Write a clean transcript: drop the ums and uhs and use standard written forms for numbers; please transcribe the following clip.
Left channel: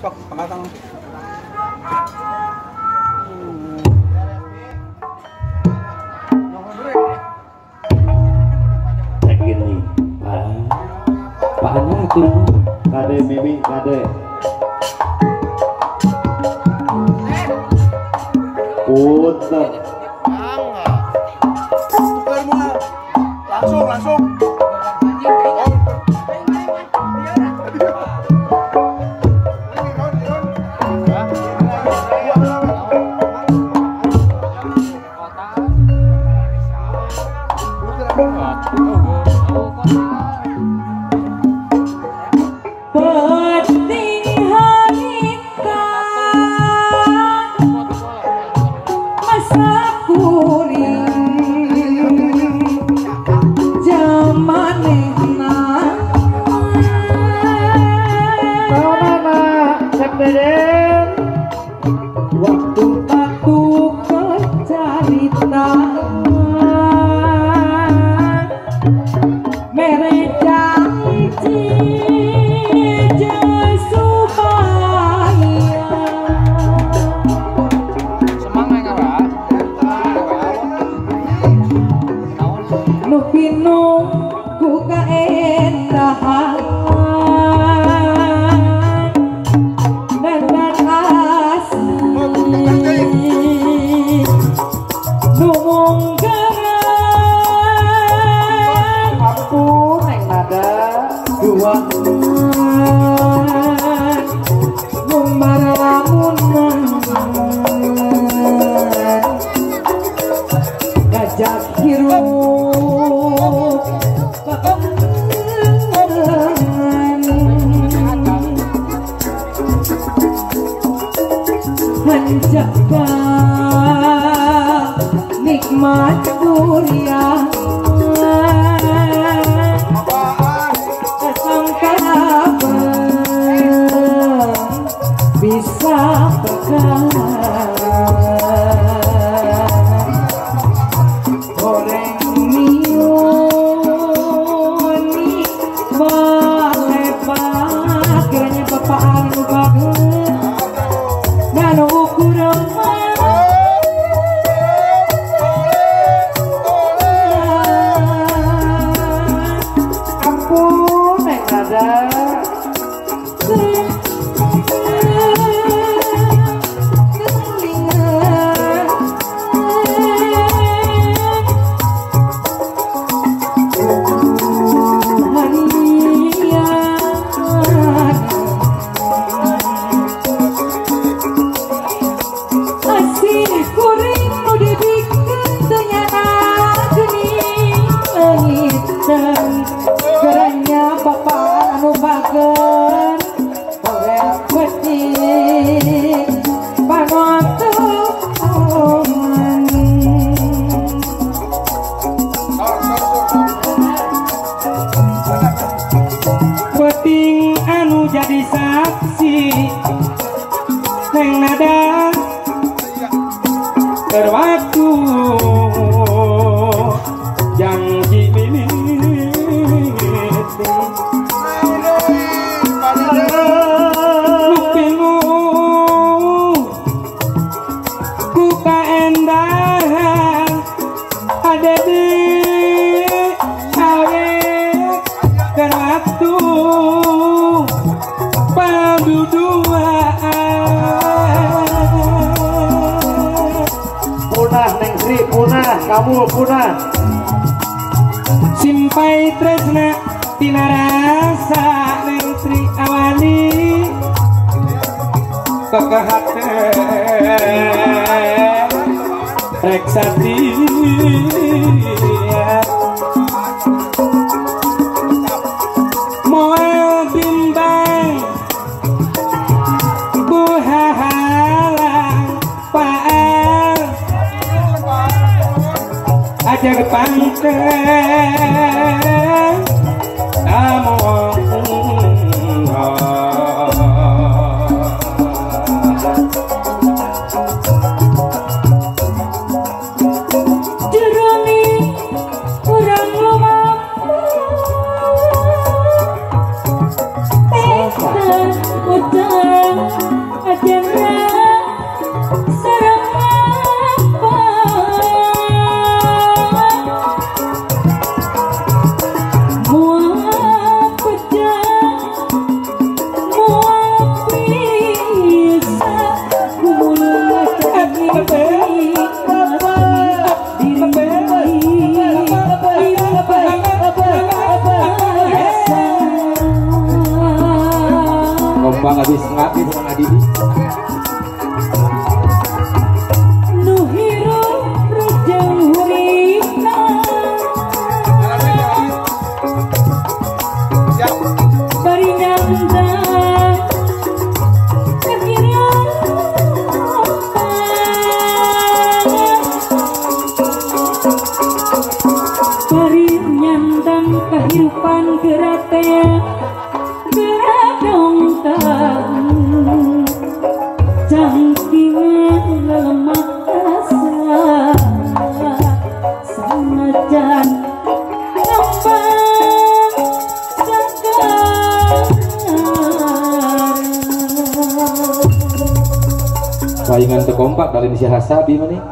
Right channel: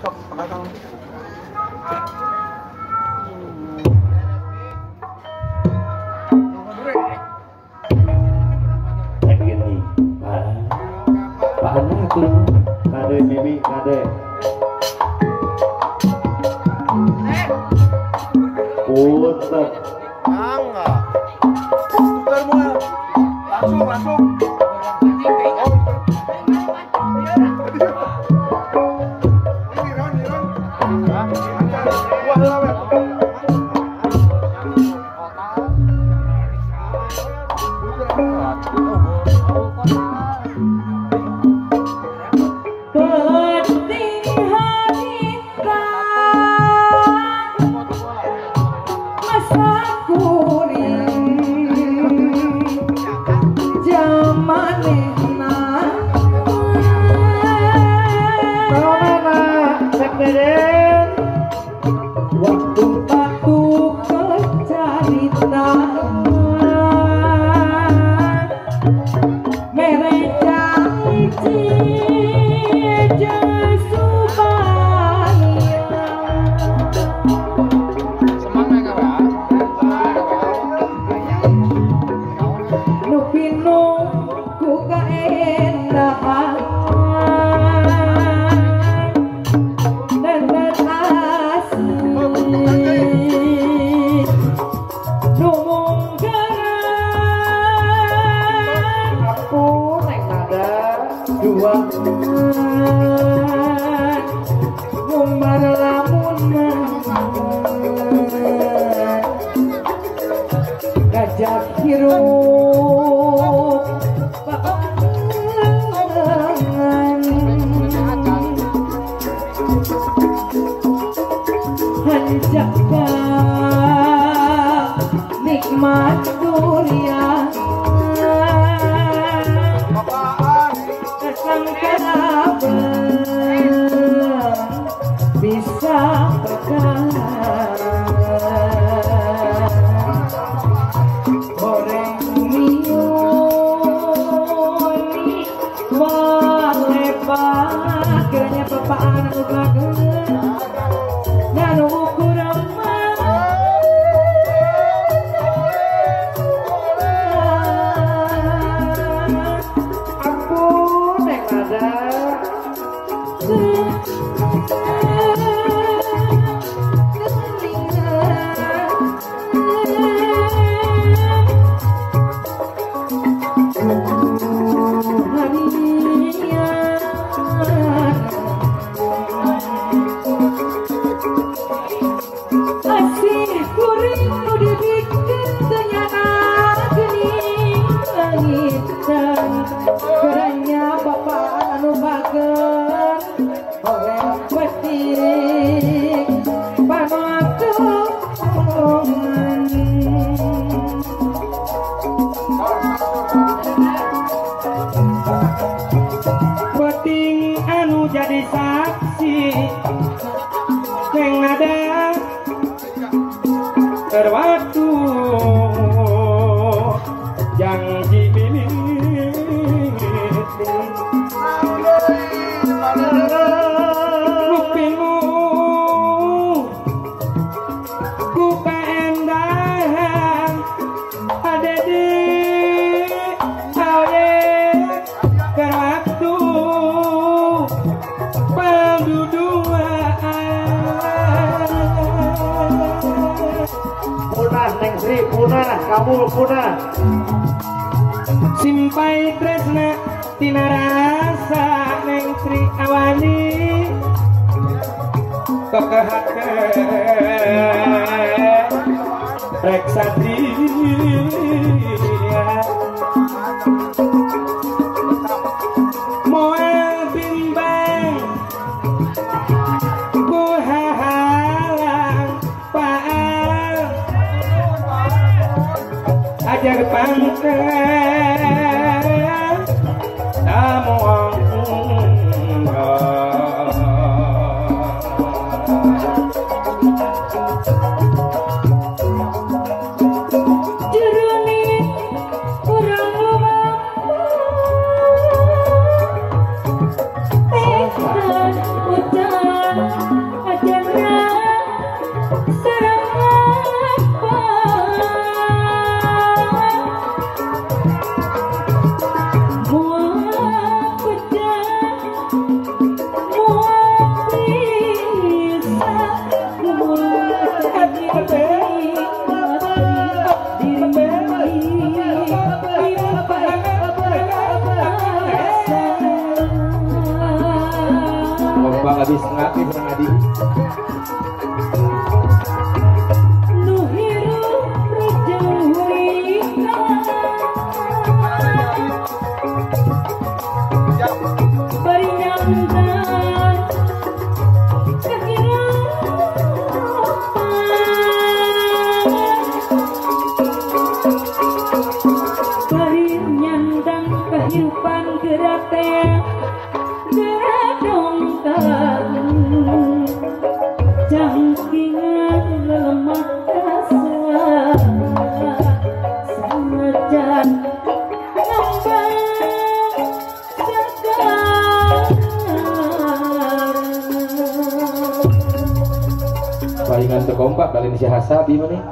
sok kematang. Segini, Pak anak tuh, kade Mimi, kade. Puter. Langsung. Nikmat dunia bisa goreng minuni melebat kiranya bapak anu bagus nganu ukuran ampun nek ada punah simpai tresna tina rasa neng Sri Awani kekehake rek satria moel bimbang ku hahalang paal ajar pangkeng awang habis ngapi nang adi. Nuhiro rujeng hurina bari nyandang kahira bari nyandang kehidupan gerate geradongkang jangking lemak kasar sanajan ngambang segar Wayangan teu kompak kalian si hasabi maneh.